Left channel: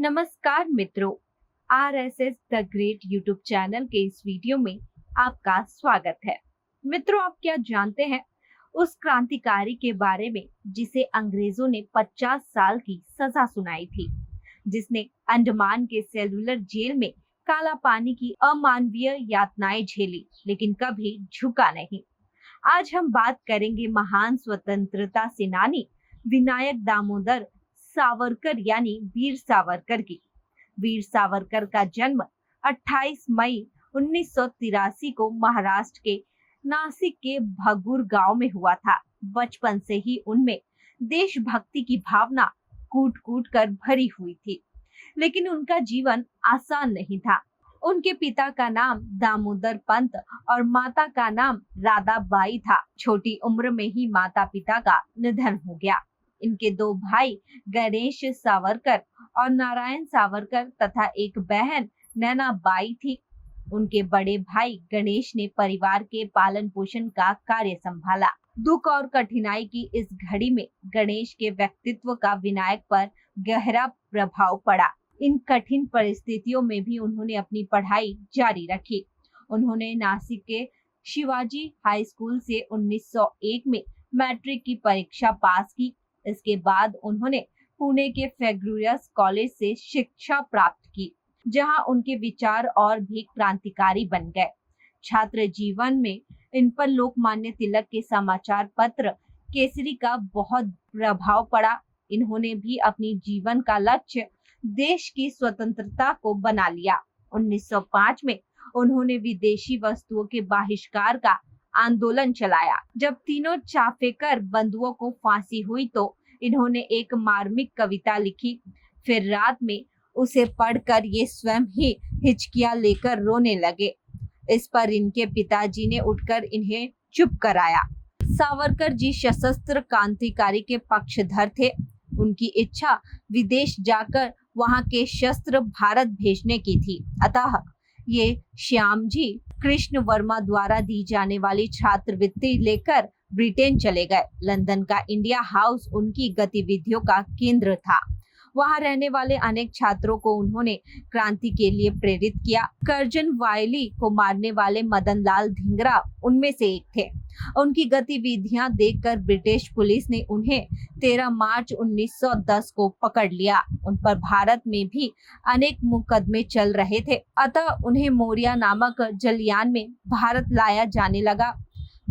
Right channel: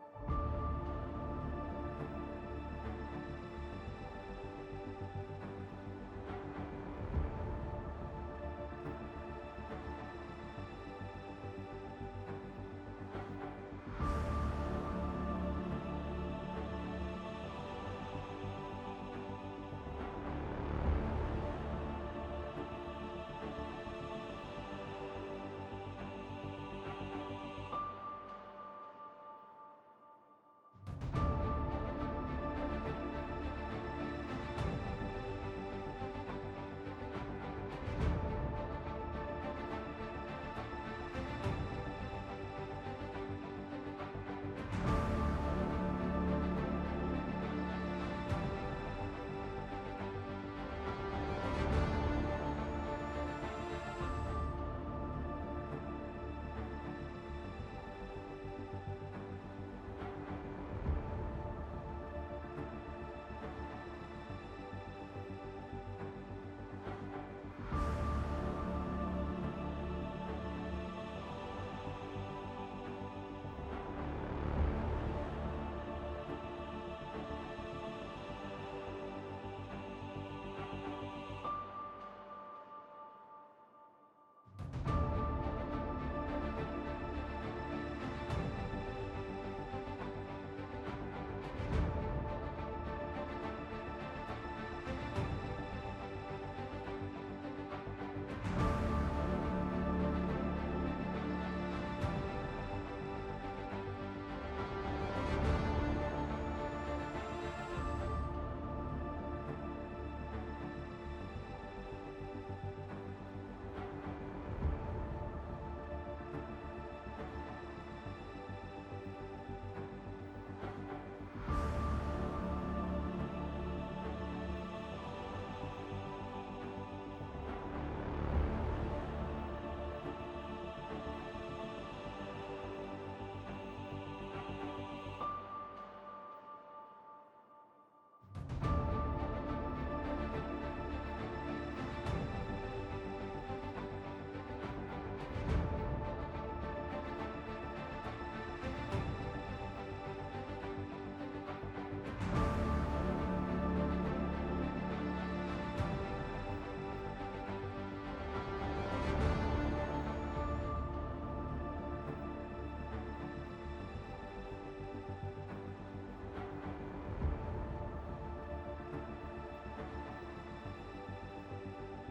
नमस्कार मित्रों, RSS the great YouTube channel के इस वीडियो में आपका स्वागत है। मित्रों, आप क्या जानते हैं उस क्रांतिकारी के बारे में जिसे अंग्रेजों ने 50 साल की सजा सुनाई थी, जिसने अंडमान के सेलुलर जेल में काला पानी की अमानवीय यातनाएं झेली लेकिन कभी झुका नहीं। आज हम बात करेंगे महान स्वतंत्रता सेनानी विनायक दामोदर सावरकर यानी वीर सावरकर की। वीर सावरकर का जन्म 28 मई 1983 को महाराष्ट्र के नासिक के भगूर गांव में हुआ था। बचपन से ही उनमें देशभक्ति की भावना कूट कूट कर भरी हुई थी, लेकिन उनका जीवन आसान नहीं था। उनके पिता का नाम दामोदर पंत और माता का नाम राधाबाई था। छोटी उम्र में ही माता पिता का निधन हो गया। इनके दो भाई गणेश सावरकर और नारायण सावरकर तथा एक बहन नैना बाई थी। उनके बड़े भाई गणेश ने परिवार के पालन पोषण का कार्य संभाला। दुख और कठिनाई की इस घड़ी में गणेश के व्यक्तित्व का विनायक पर गहरा प्रभाव पड़ा। इन कठिन परिस्थितियों में भी उन्होंने अपनी पढ़ाई जारी रखी। उन्होंने नासिक के शिवाजी हाई स्कूल से 1901 में मैट्रिक की परीक्षा पास की। इसके बाद उन्होंने पुणे के फेग्रुयस कॉलेज से शिक्षा प्राप्त की, जहां उनके विचार और भी क्रांतिकारी बन गए। छात्र जीवन में इन पर लोकमान्य तिलक के समाचार पत्र केसरी का बहुत प्रभाव पड़ा। इन्होंने भी अपनी जीवन का लक्ष्य देश की स्वतंत्रता को बना लिया। 1905 में उन्होंने विदेशी वस्तुओं के बहिष्कार का आंदोलन चलाया। जब तीनों चाफेकर बंधुओं को फांसी हुई तो इन्होंने एक मार्मिक कविता लिखी। फिर रात में उसे पढ़कर ये स्वयं ही हिचकियां लेकर रोने लगे। इस पर इनके पिताजी ने उठकर इन्हें चुप कराया। सावरकर जी सशस्त्र क्रांतिकारी के पक्षधर थे। उनकी इच्छा विदेश जाकर वहां के शस्त्र भारत भेजने की थी। अतः ये श्यामजी कृष्ण वर्मा द्वारा दी जाने वाली छात्रवृत्ति लेकर ब्रिटेन चले गए। लंदन का इंडिया हाउस उनकी गतिविधियों का केंद्र था। वहां रहने वाले अनेक छात्रों को उन्होंने क्रांति के लिए प्रेरित किया। कर्जन वायली को मारने वाले मदन लाल धिंगरा उनमें से एक थे। उनकी गतिविधियां देखकर ब्रिटिश पुलिस ने उन्हें 13 मार्च 1910 को पकड़ लिया। उन पर भारत में भी अनेक मुकदमे चल रहे थे, अतः उन्हें मोरिया नामक जलयान में भारत लाया जाने लगा।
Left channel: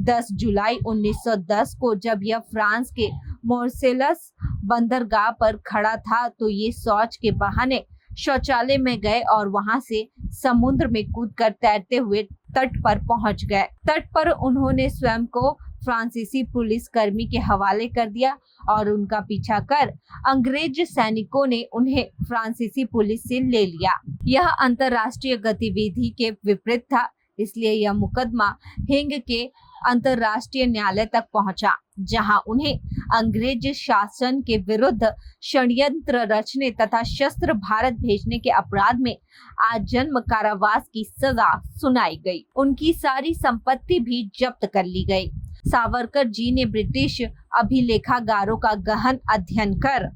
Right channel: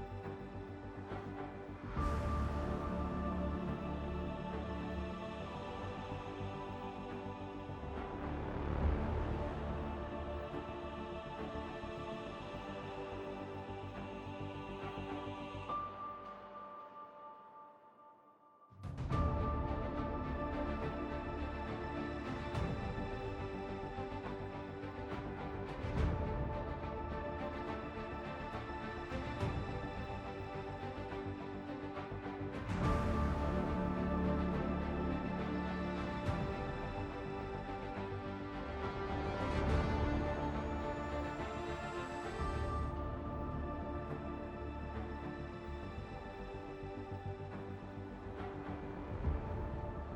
10 जुलाई 1910 को जब यह फ्रांस के मोर्सेलस बंदरगाह पर खड़ा था तो ये शौच के बहाने शौचालय में गए और वहां से समुद्र में कूदकर तैरते हुए तट पर पहुंच गए। तट पर उन्होंने स्वयं को फ्रांसीसी पुलिस कर्मी के हवाले कर दिया और उनका पीछा कर अंग्रेज सैनिकों ने उन्हें फ्रांसीसी पुलिस से ले लिया। यह अंतर्राष्ट्रीय गतिविधि के विपरीत था, इसलिए यह मुकदमा हेग के अंतर्राष्ट्रीय न्यायालय तक पहुंचा, जहां उन्हें अंग्रेज शासन के विरुद्ध षड्यंत्र रचने तथा शस्त्र भारत भेजने के अपराध में आजीवन कारावास की सजा सुनाई गई। उनकी सारी संपत्ति भी जब्त कर ली गई। सावरकर जी ने ब्रिटिश अभिलेखागारों का गहन अध्ययन कर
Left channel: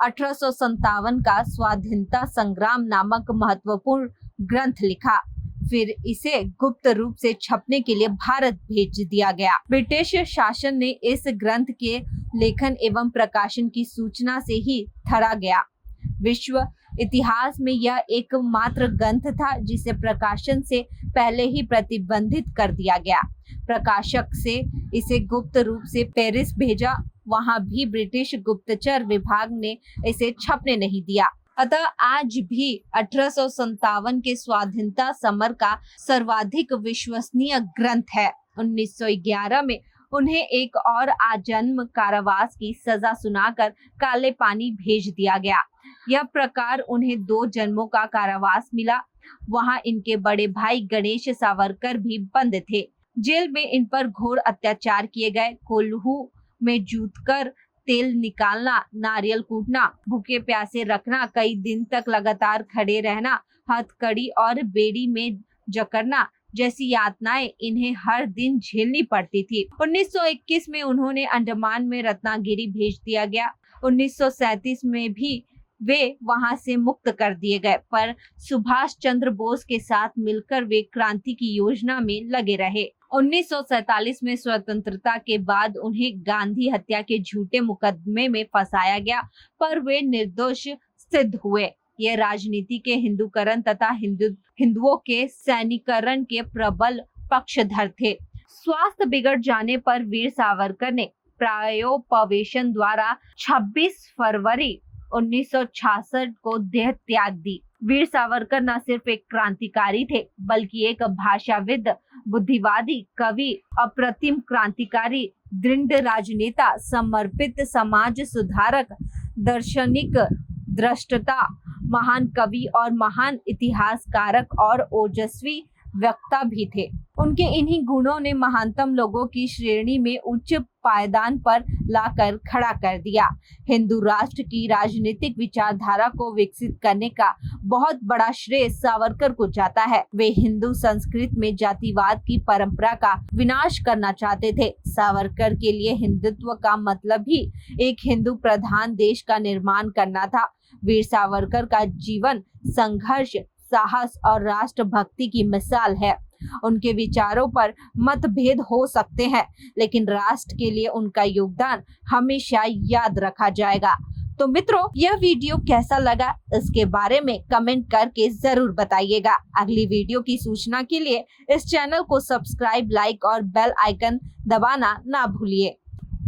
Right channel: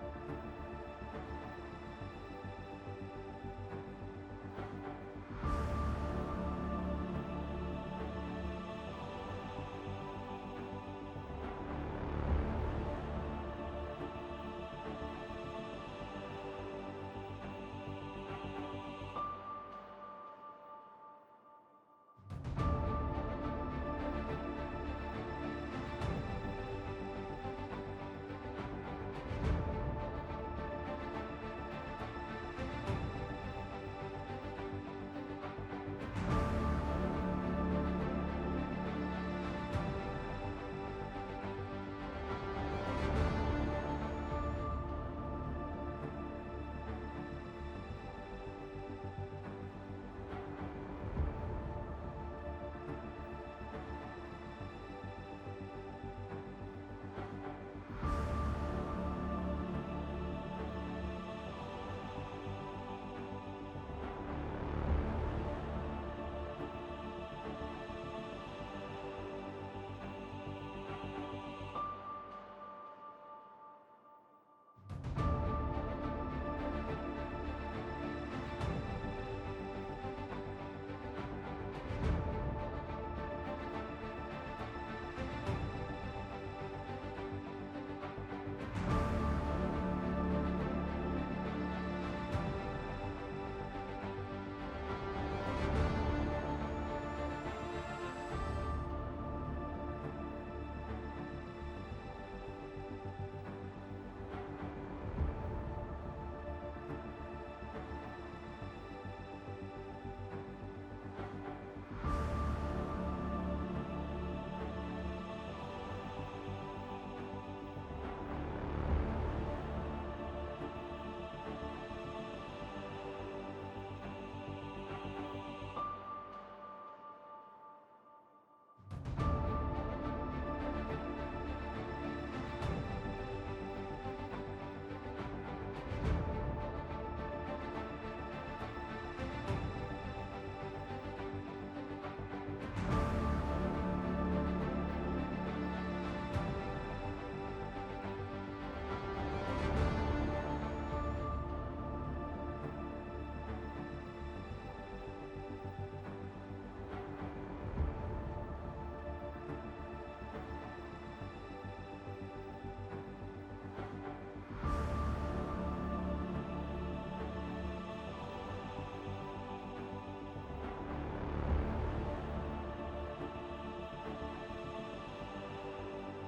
1857 का स्वाधीनता संग्राम नामक महत्वपूर्ण ग्रंथ लिखा। फिर इसे गुप्त रूप से छपने के लिए भारत भेज दिया गया। ब्रिटिश शासन ने इस ग्रंथ के लेखन एवं प्रकाशन की सूचना से ही थरा गया। विश्व इतिहास में यह एकमात्र ग्रंथ था जिसे प्रकाशन से पहले ही प्रतिबंधित कर दिया गया। प्रकाशक से इसे गुप्त रूप से पेरिस भेजा, वहां भी ब्रिटिश गुप्तचर विभाग ने इसे छपने नहीं दिया। अतः आज भी 1857 के स्वाधीनता समर का सर्वाधिक विश्वसनीय ग्रंथ है। 1911 में उन्हें एक और आजीवन कारावास की सजा सुनाकर काले पानी भेज दिया गया। यह प्रकार उन्हें 2 जन्मों का कारावास मिला। वहां इनके बड़े भाई गणेश सावरकर भी बंद थे। जेल में इन पर घोर अत्याचार किए गए। कोल्हू में जूतकर तेल निकालना, नारियल कूटना, भूखे प्यासे रखना, कई दिन तक लगातार खड़े रहना, हथकड़ी और बेड़ी में जकड़ना जैसी यातनाएं इन्हें हर दिन झेलनी पड़ती थी। 1921 में उन्होंने अंडमान में रत्नागिरी भेज दिया गया। 1937 में भी वे वहां से मुक्त कर दिए गए, पर सुभाष चंद्र बोस के साथ मिलकर वे क्रांति की योजना में लगे रहे। 1947 में स्वतंत्रता के बाद उन्हें गांधी हत्या के झूठे मुकदमे में फंसाया गया, पर वे निर्दोष सिद्ध हुए। ये राजनीति के हिंदूकरण तथा हिंदुओं के सैनिकरण के प्रबल पक्षधर थे। स्वास्थ्य बिगड़ जाने पर वीर सावरकर ने प्रायोपवेशन द्वारा 26 फरवरी 1966 को देह त्याग दी। वीर सावरकर न सिर्फ एक क्रांतिकारी थे, बल्कि एक भाषाविद, बुद्धिवादी, कवि, अप्रतिम क्रांतिकारी, दृढ़ राजनेता, समर्पित समाज सुधारक, दार्शनिक, दृष्टा, महान कवि और महान इतिहासकारक और ओजस्वी वक्ता भी थे। उनके इन्हीं गुणों ने महानतम लोगों की श्रेणी में उच्च पायदान पर लाकर खड़ा कर दिया। हिंदू राष्ट्र की राजनीतिक विचारधारा को विकसित करने का बहुत बड़ा श्रेय सावरकर को जाता है। वे हिंदू संस्कृति में जातिवाद की परंपरा का विनाश करना चाहते थे। सावरकर के लिए हिंदुत्व का मतलब ही एक हिंदू प्रधान देश का निर्माण करना था। वीर सावरकर का जीवन संघर्ष, साहस और राष्ट्रभक्ति की मिसाल है। उनके विचारों पर मतभेद हो सकते हैं, लेकिन राष्ट्र के लिए उनका योगदान हमेशा याद रखा जाएगा। तो मित्रों, यह वीडियो कैसा लगा इसके बारे में कमेंट करके जरूर बताइएगा। अगली वीडियो की सूचना के लिए इस चैनल को सब्सक्राइब, लाइक और बेल आइकन दबाना ना भूलिए।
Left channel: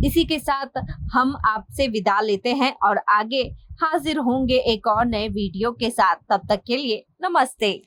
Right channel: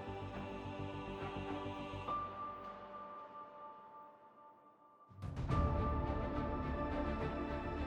इसी के साथ हम आपसे विदा लेते हैं और आगे हाजिर होंगे एक और नए वीडियो के साथ। तब तक के लिए नमस्ते।